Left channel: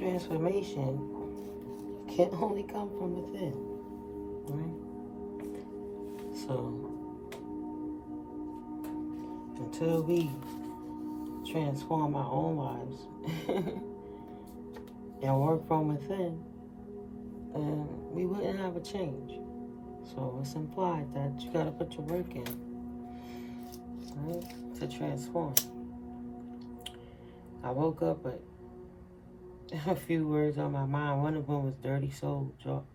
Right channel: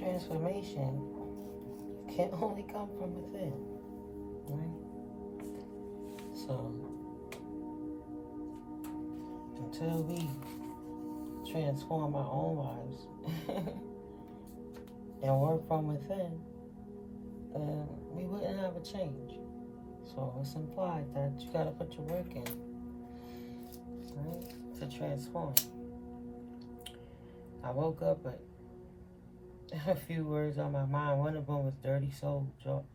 transformation can only come from within, right? So, until we transform our own lives and work from within, then we wouldn't have a change. So it's implied that you gotta put your work in, right, to transform. I woke up with a few words on my mind. One of them was Dirty Soul John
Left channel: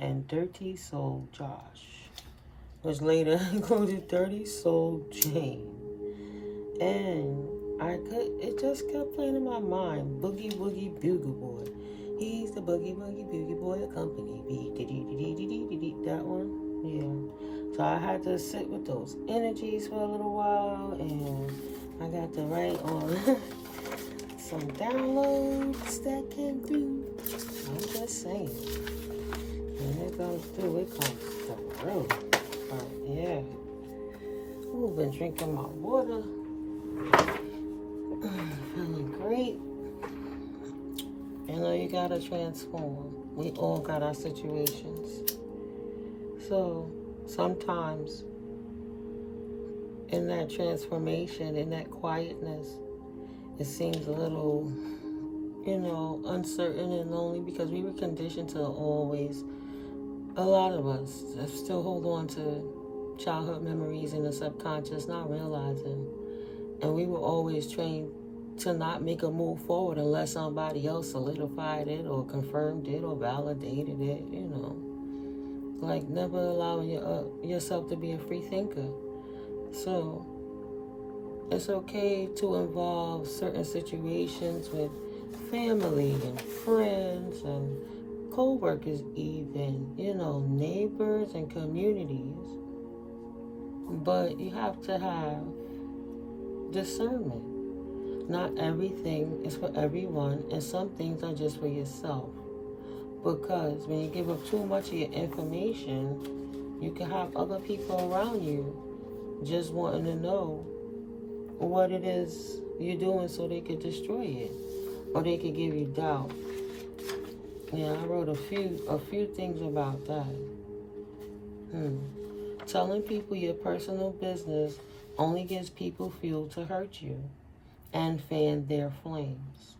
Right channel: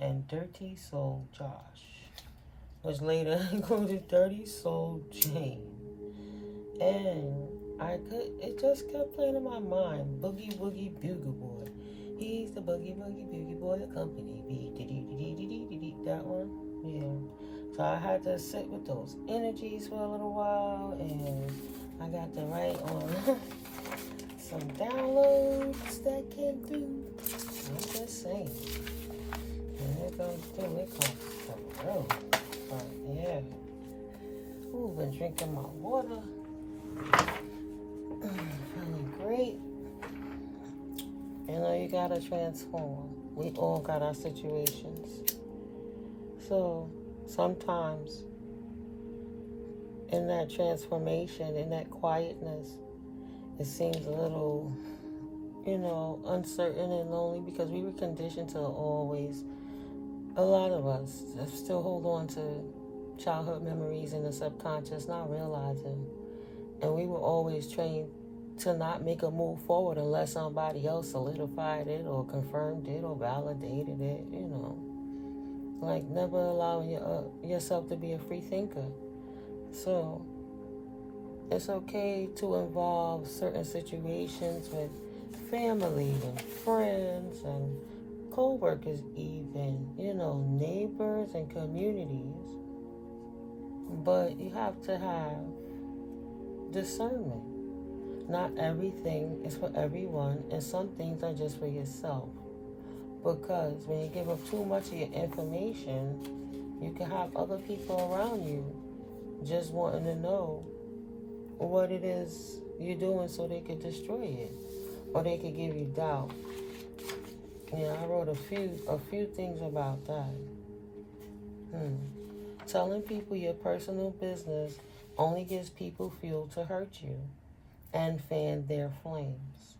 and Dirty Soul Josh, which later included Dirty Soul Jane. And it just kept playing in my mind. Boogie Woogie Bugle Boy. He's the Boogie Woogie Bugle Boy of company. That one? Yeah. So I had to sit with those energies for a little while, and I got to write on some downloads that can do. I'm just saying. When it goes through, it comes through. But yeah. Ooh, been drinking my water. Feeling great. You know, you gotta transform. We all got our situations. So sometimes in that transformation, in that quietness, it seems a little, uncertain and lonely because we were conditioned to always, a lot of us still hold on to childhood memories in the subconscious, not realizing. And we were always trained to not make a move forward unless somebody else solidified it or confirmed it or validated it, Like never allowing yourself to be a free thinker. So it's okay to involve certain situations with family and friends and co-workers even, neighbors and communities. But you have to have discernment. Not everything is for everyone, and some things are just for yourself. Because when you give up too much of your information, you can have other people around you just wanting to know what it is you're doing so they could destroy it, or they could give you doubt. Yeah, I wrote a few things about that. Telling people your personal business only gives people fuel to hurt you and fan their flames.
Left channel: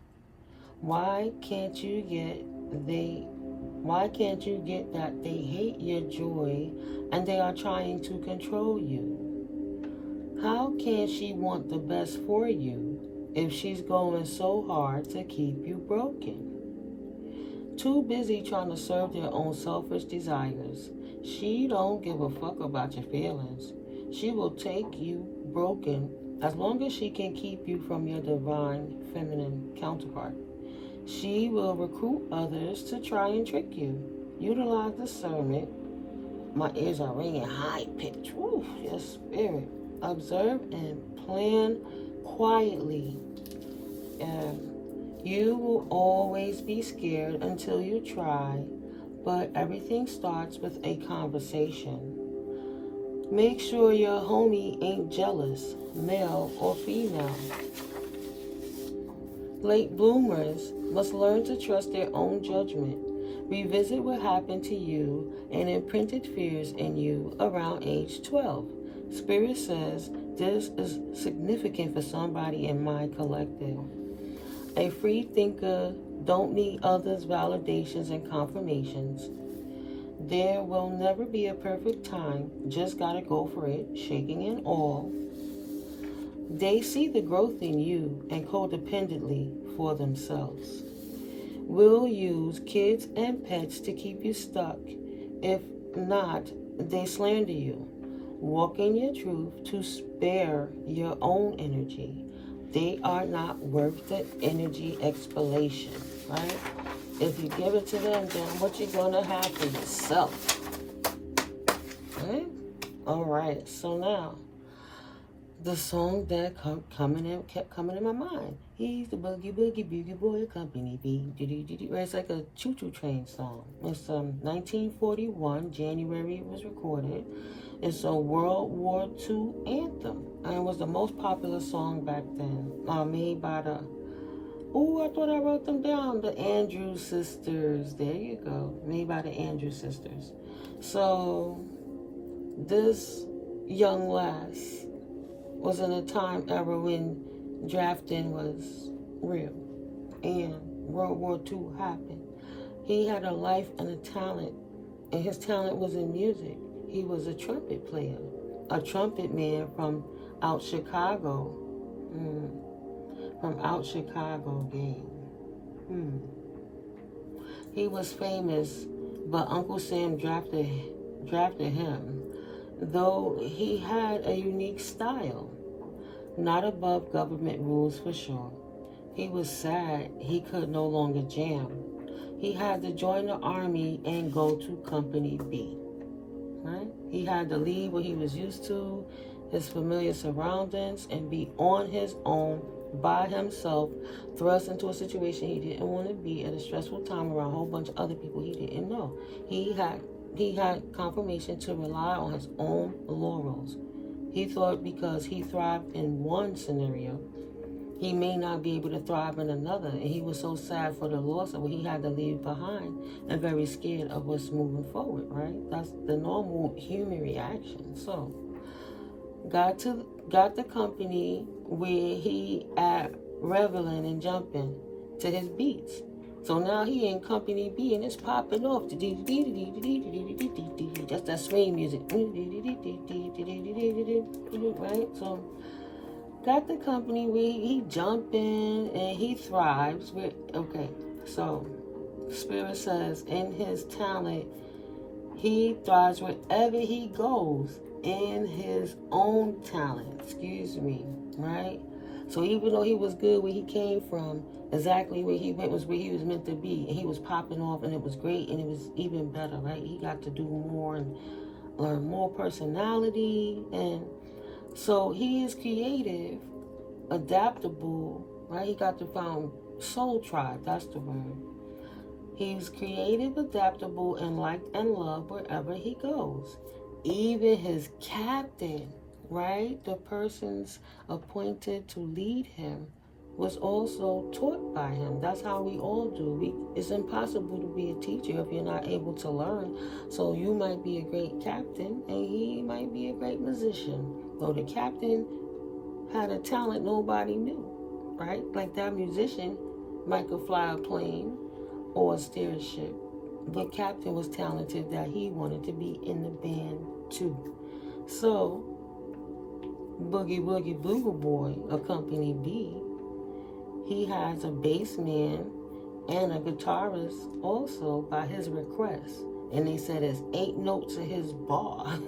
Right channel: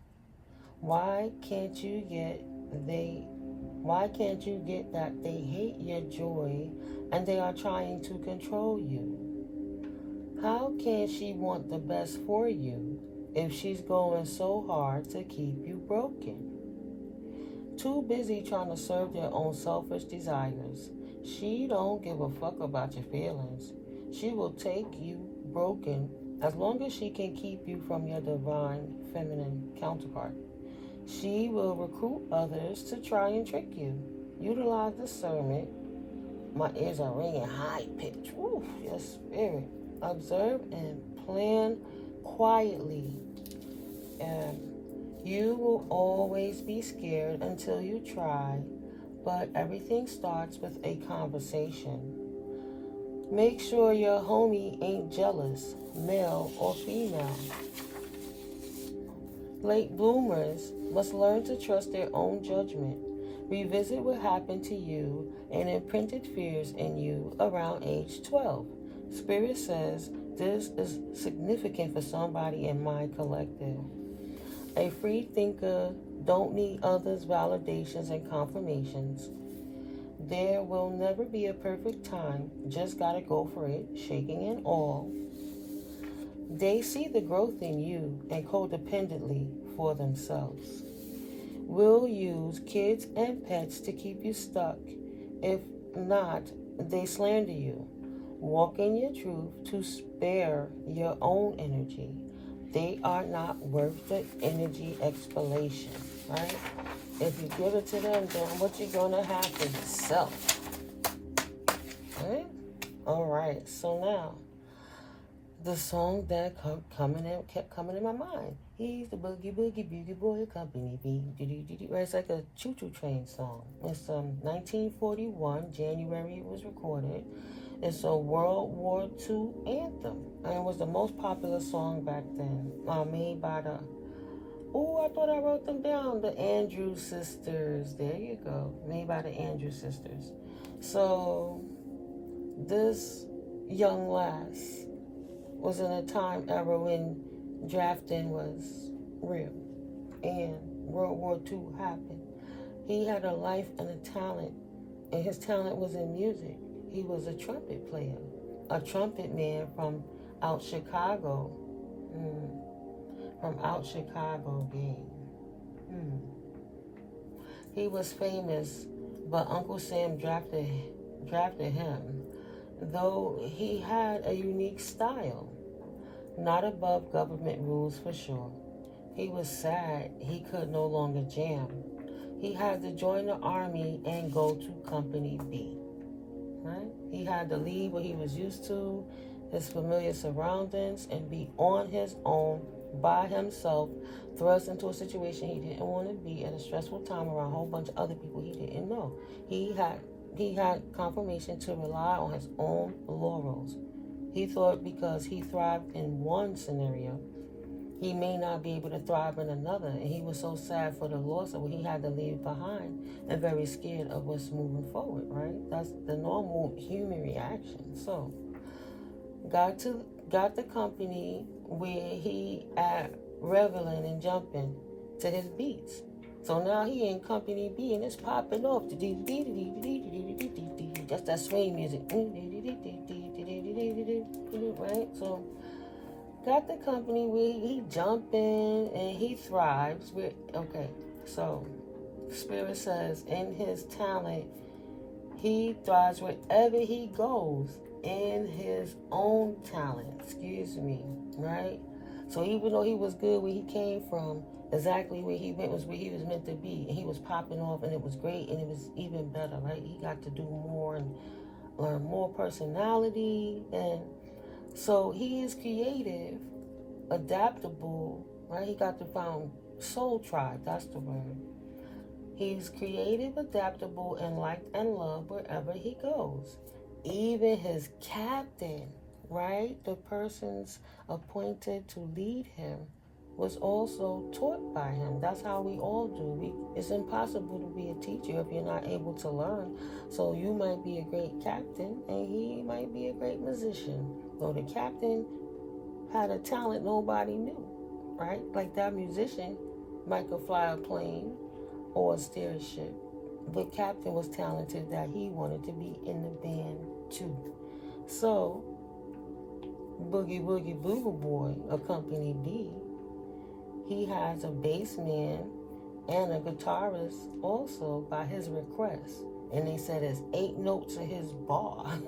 Why can't you get that they hate your joy and they are trying to control you? How can she want the best for you if she's going so hard to keep you broken? Too busy trying to serve their own selfish desires. She don't give a fuck about your feelings. She will take you broken as long as she can keep you from your divine feminine counterpart. She will recruit others to try and trick you. Utilize discernment. My ears are ringing high pitch. Woo, your spirit. Observe and plan quietly. And you will always be scared until you try, but everything starts with a conversation. Make sure your homie ain't jealous, male or female. Late bloomers must learn to trust their own judgment. Revisit what happened to you and imprinted fears in you around age 12. Spirit says this is significant for somebody in my collective. A free thinker don't need others' validations and confirmations. There will never be a perfect time, just gotta go for it, shaking in awe. They see the growth in you and codependently for themselves. Will use kids and pets to keep you stuck. If not, they slander you. Walk in your truth to spare your own energy. They are not worth the energy explanation, right? If you give it to them, then what you're gonna have for yourself. Right? All right, so now the song that kept coming in my mind. He's the Boogie Boogie Bugle Boy Company. It's like a choo-choo train song. It's 1941, January it was recorded. It's a World War II anthem. And it was the most popular song back then. Made by the, I thought I wrote them down. The Andrews Sisters. There you go. Made by the Andrews Sisters. So, this young lass was in a time era when drafting was real. And World War II happened. He had a life and a talent. And his talent was in music. He was a trumpet player, a trumpet man from out Chicago. From out Chicago, game. He was famous, but Uncle Sam drafted him, though he had a unique style, not above government rules for sure. He was sad he could no longer jam. He had to join the army and go to Company B. Right? He had to leave what he was used to, his familiar surroundings, and be on his own, by himself, thrust into a situation he didn't want to be at a stressful time around a whole bunch of other people he didn't know. He had confirmation to rely on his own laurels. He thought because he thrived in one scenario, he may not be able to thrive in another, and he was so sad for the loss of what he had to leave behind and very scared of what's moving forward, right? That's the normal human reaction. So, got the company where he at reveling and jumping to his beats. So now he in Company B and it's popping off. Just that swing music. Right? So, got the company where he jumping and he thrives with, okay, so Spirit says in his talent, he thrives wherever he goes in his own talent, right? So even though he was good where he came from, exactly where he went was where he was meant to be, and he was popping off and it was great and it was even better, right? He got to do more and learn more personality, and so he is creative, adaptable, right? He got to found soul tribe, that's the word. He's creative, adaptable, and liked and loved wherever he goes. Even his captain, right? The person's appointed to lead him was also taught by him. That's how we all do. It's impossible to be a teacher if you're not able to learn. So you might be a great captain and he might be a great musician. Though the captain had a talent nobody knew, right? Like that musician might could fly a plane or steer a ship. But captain was talented that he wanted to be in the band too. So Boogie Woogie Boogie Boy of Company B, he has a bass man and a guitarist also by his request. And they said there's 8 notes in his bar.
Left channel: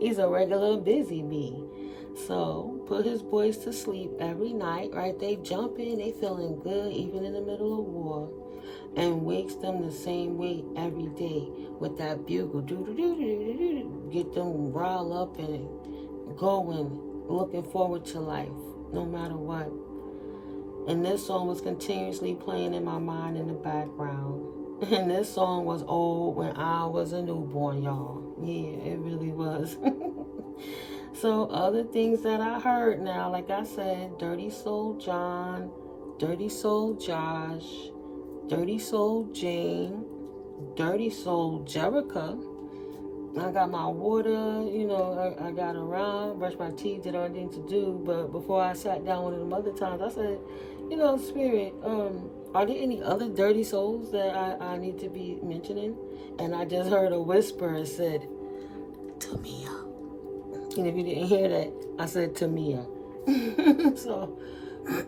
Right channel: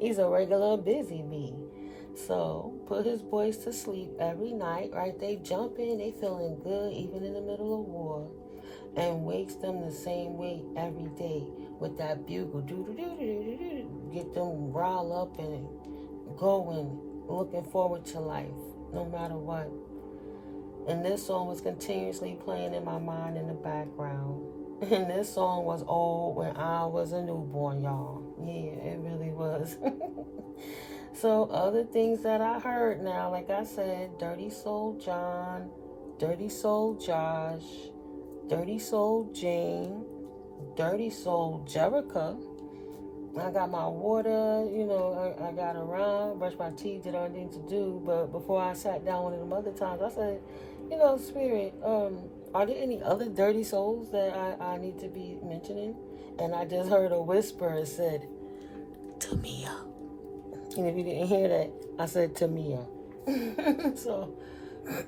He's a regular busy bee. So put his boys to sleep every night, right? They jumping, they feeling good even in the middle of war. And wakes them the same way every day with that bugle. Get them riled up and going, looking forward to life, no matter what. And this song was continuously playing in my mind in the background. And this song was old when I was a newborn, y'all. Yeah, it really was. So other things that I heard now, like I said, Dirty Soul John, Dirty Soul Josh, Dirty Soul Jane, Dirty Soul Jerica. I got my water, I got around, brushed my teeth, did everything to do. But before I sat down one of them other times, I said, Spirit, are there any other dirty souls that I need to be mentioning? And I just heard a whisper. It said, Tamia. And if you didn't hear that, I said Tamia. So,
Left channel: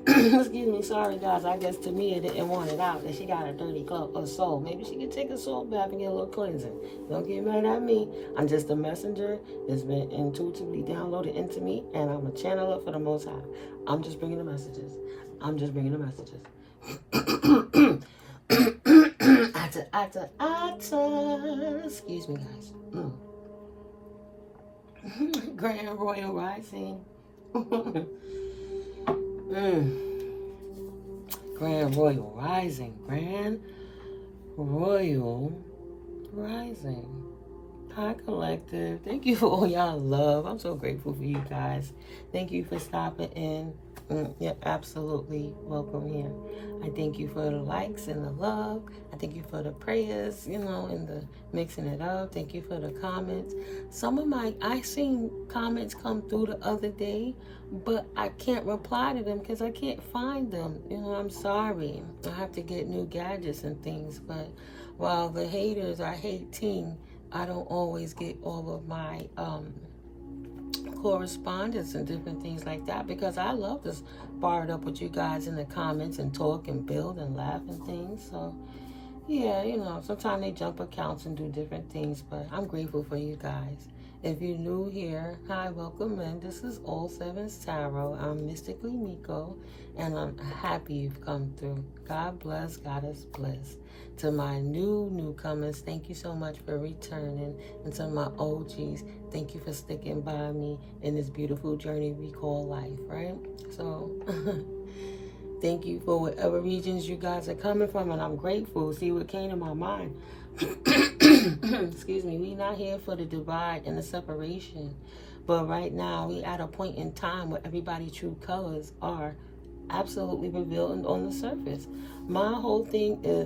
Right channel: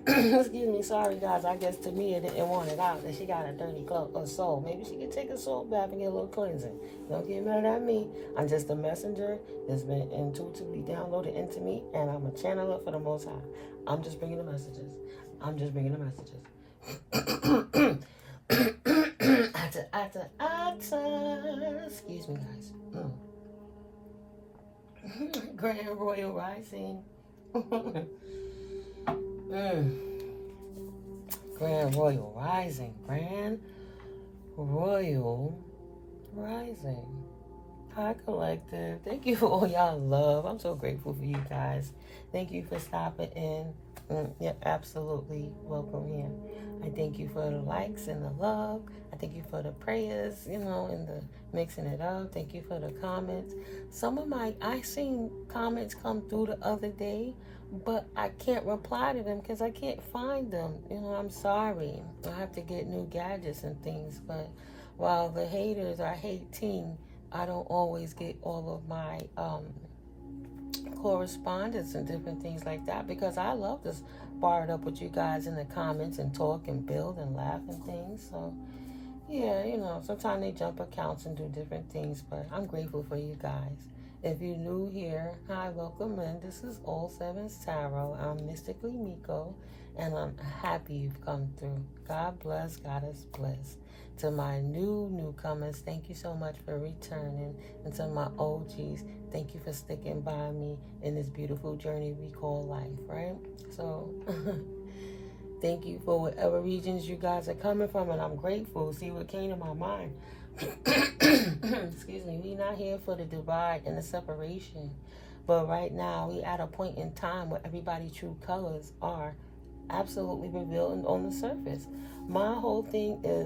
excuse me, sorry guys, I guess Tamia didn't want it out that she got a dirty soul. Maybe she could take a soul bath and get a little cleansing. Don't get mad at me. I'm just a messenger that's been intuitively downloaded into me, and I'm a channeler for the Most High. I'm just bringing the messages. Excuse me, guys. Grand Royal Rising. Grand Royal Rising. Grand Royal Rising. Hi, Collective. Thank you for all y'all love. I'm so grateful for you guys. Thank you for stopping in. You're absolutely welcome here. I thank you for the likes and the love. I thank you for the prayers, and the mixing it up. Thank you for the comments. Some of I seen comments come through the other day, but I can't reply to them because I can't find them. I'm sorry. I have to get new gadgets and things, but while the haters are hating, I don't always get all of my correspondence and different things like that because I love to bar it up with you guys in the comments and talk and build and laugh and things. So yeah, sometimes they jump accounts and do different things, but I'm grateful for you guys. If you're new here, hi, welcome in. This is All Sevens Tarot. I'm Mystically Miko, and I'm happy you've come through. God bless, Goddess bless. To my newcomers, thank you so much for returning. And to my OGs, thank you for sticking by me in this beautiful journey we call life, right? So thank you for whatever regions you guys are coming from, and I'm grateful. See what came to my mind. Excuse me. We're not here for the divide and the separation, but right now we at a point in time where everybody's true colors are absolutely revealed on the surface. My whole thing is